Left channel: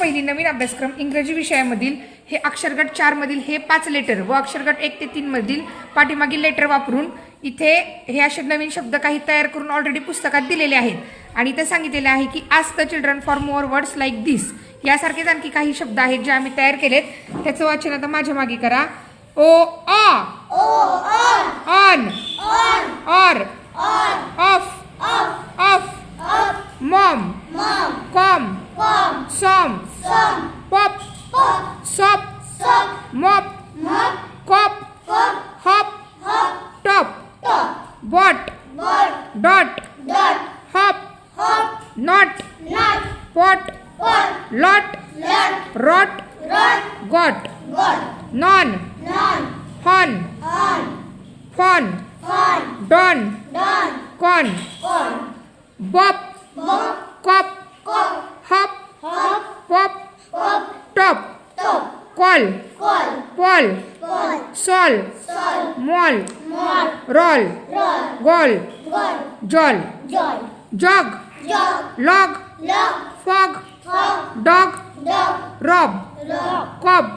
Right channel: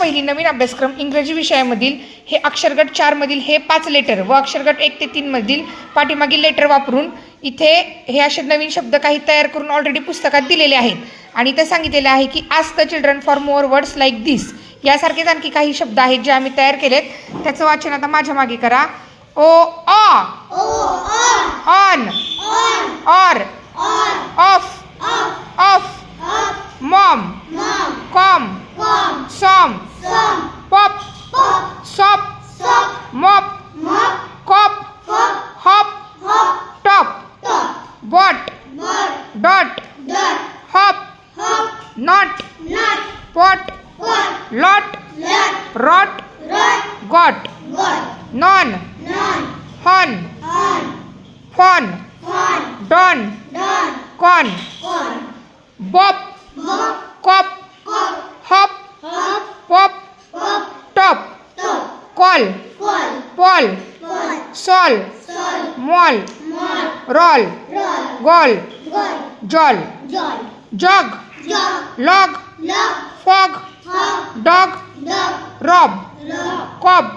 पहिली नवीन अभ्यासक्रम इंग्रजी विषयामधील हे अक्षरगट 4 मधील हे 5 लेटर व अक्षरगट 1 ते 3 मधील पाठीमागील लेटर वापरून इथे हे असे नवीन शब्द काही तयार करून ऑलरेडी पुस्तकात दिलेले आहेत आणि ते सांगितलेले आहे की ask the children for more words like this. यासारखेच आणखी काही शब्द आहेत जे आम्ही तयार केलेत. त्याचं वाचन आता माझ्या मागे करा. O aw, on, or, off, off, mom, com, som, pop, sop, mop, cop, hop, top, bot, dot, hop, not, pot, lot, rot, got, non, hon, fon, don, con, bop, cop, hop, pop, top, call, Paul, sol, mall, roll, gall, jol, jog, log, fog, dog, rob, cob,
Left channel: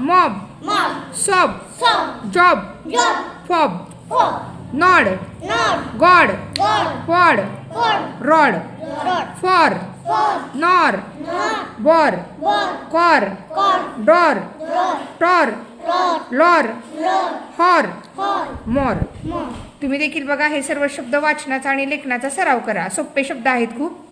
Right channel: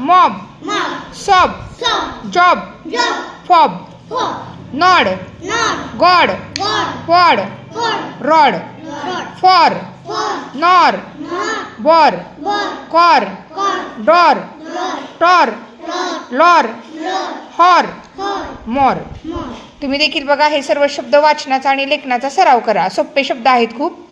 mob, sob, job, fob, nod, god, pod, rod, for, nor, bor, cor, dor, Tor, Laur, horror, मोर. तुम्ही देखील बघा हे सर्व शब्द वाचनाचा आणि लेखनाचा सराव करा. सोपे शब्द आहेत खूप.